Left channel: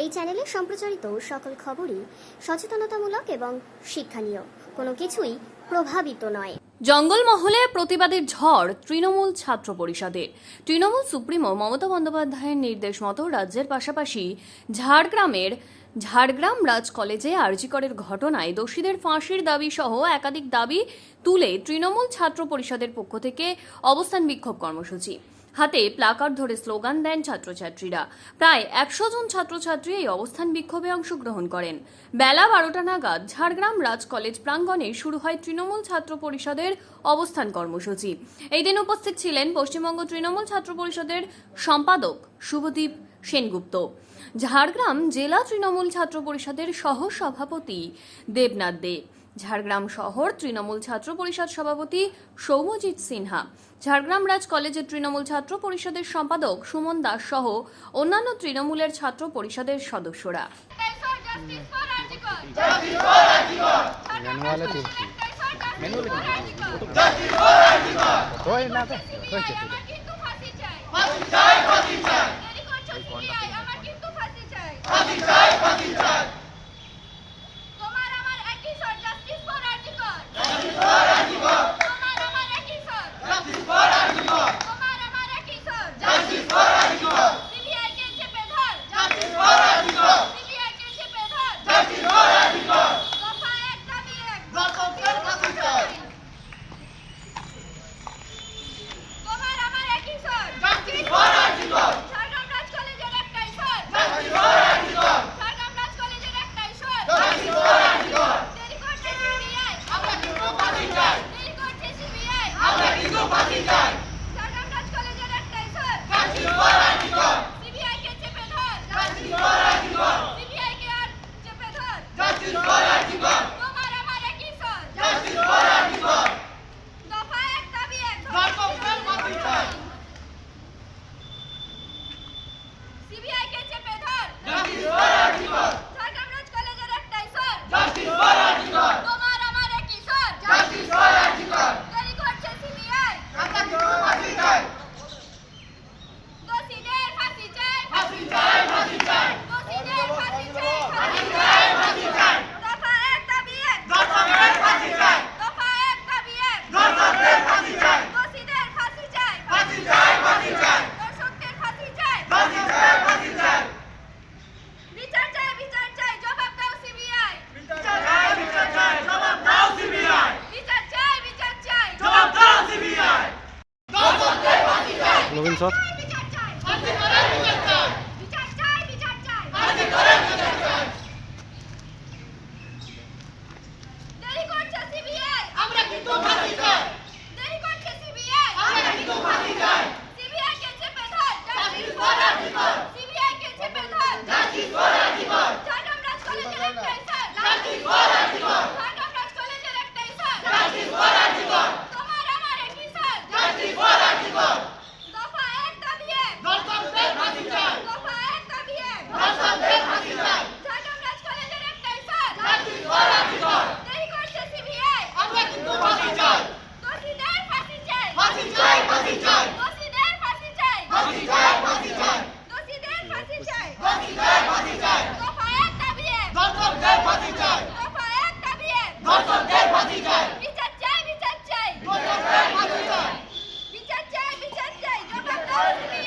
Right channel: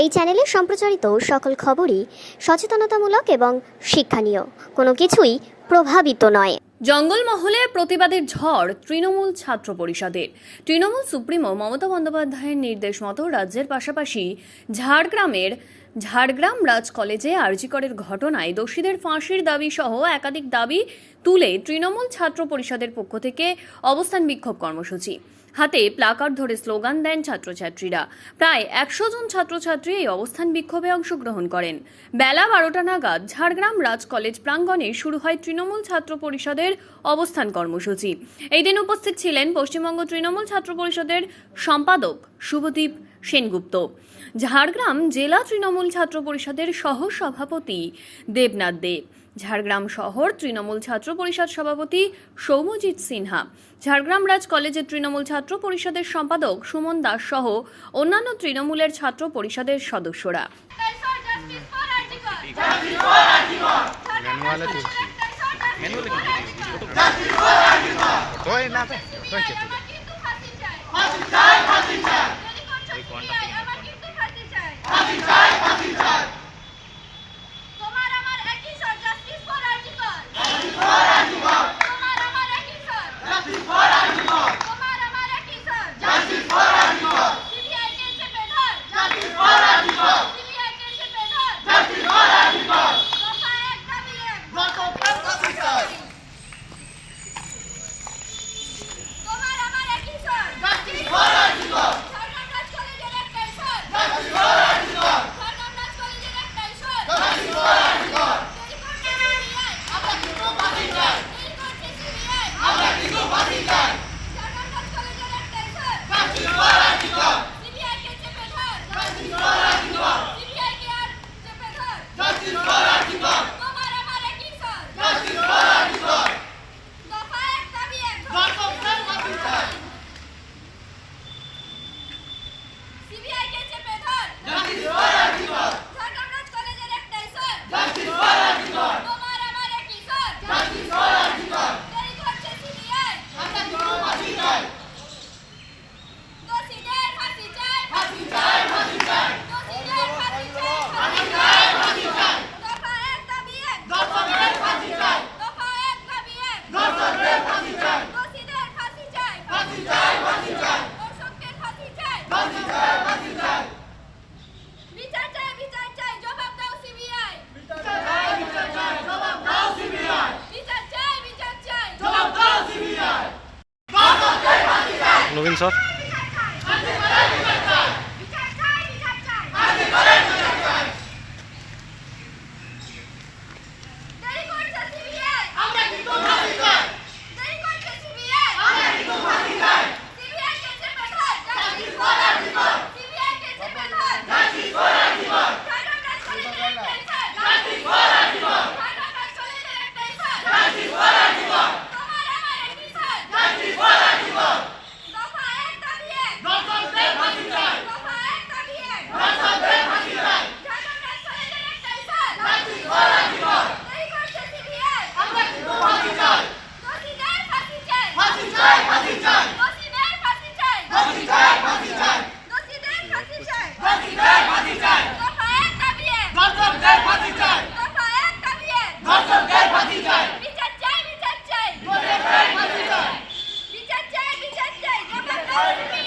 এই চ্যানেলে সম্প্রচারিত সকল খবরই সচেতনতামূলক এবং শিক্ষণীয়, কোনো কিছুই প্রভাবিত নয়। জঙ্গলমহলে প্রতিবাদের ঝড় তৃণমূল ছাত্র পরিষদের। তৃণমূল সুপ্রিমো মমতা বন্দ্যোপাধ্যায়ের নির্দেশ মতো রাজ্যের পাশাপাশি ঝাড়গ্রাম রাজ কলেজে আরজি করের ঘটনায় দোষীদের ফাঁসির দাবি সহ একাধিক দাবি তুলে তৃণমূল ছাত্র পরিষদের পক্ষ থেকে অবস্থান বিক্ষোভ কর্মসূচি। হাতে প্লাকার্ড ধরে স্লোগান দেন ছাত্রছাত্রীরা। প্রায় 100 জন ছাত্রছাত্রী এই অবস্থান বিক্ষোভে অংশগ্রহণ করেন। বেলা 12টা নাগাদ ঝাড়গ্রাম রাজ কলেজ প্রাঙ্গণে শুরু হয় তৃণমূল ছাত্র পরিষদের অবস্থান কর্মসূচি। এই দিন উপস্থিত ছিলেন পশ্চিমবঙ্গ তৃণমূল ছাত্র পরিষদের সম্পাদক শুভদীপ সেনগুপ্ত, ঝাড়গ্রাম জেলা তৃণমূল ছাত্র পরিষদের সহ সভাপতি দেবনাথ দেব, ঝাড়গ্রাম শহর তৃণমূল ছাত্র পরিষদ সভাপতি সৌম্যজিৎ সিনহা, ঝাড়গ্রাম রাজ কলেজের তৃণমূল ছাত্র পরিষদের সম্পাদক সুমন দাস সহ অন্যান্য তৃণমূলের ছাত্র পরিষদের সদস্যরা। Lovin sir. Don't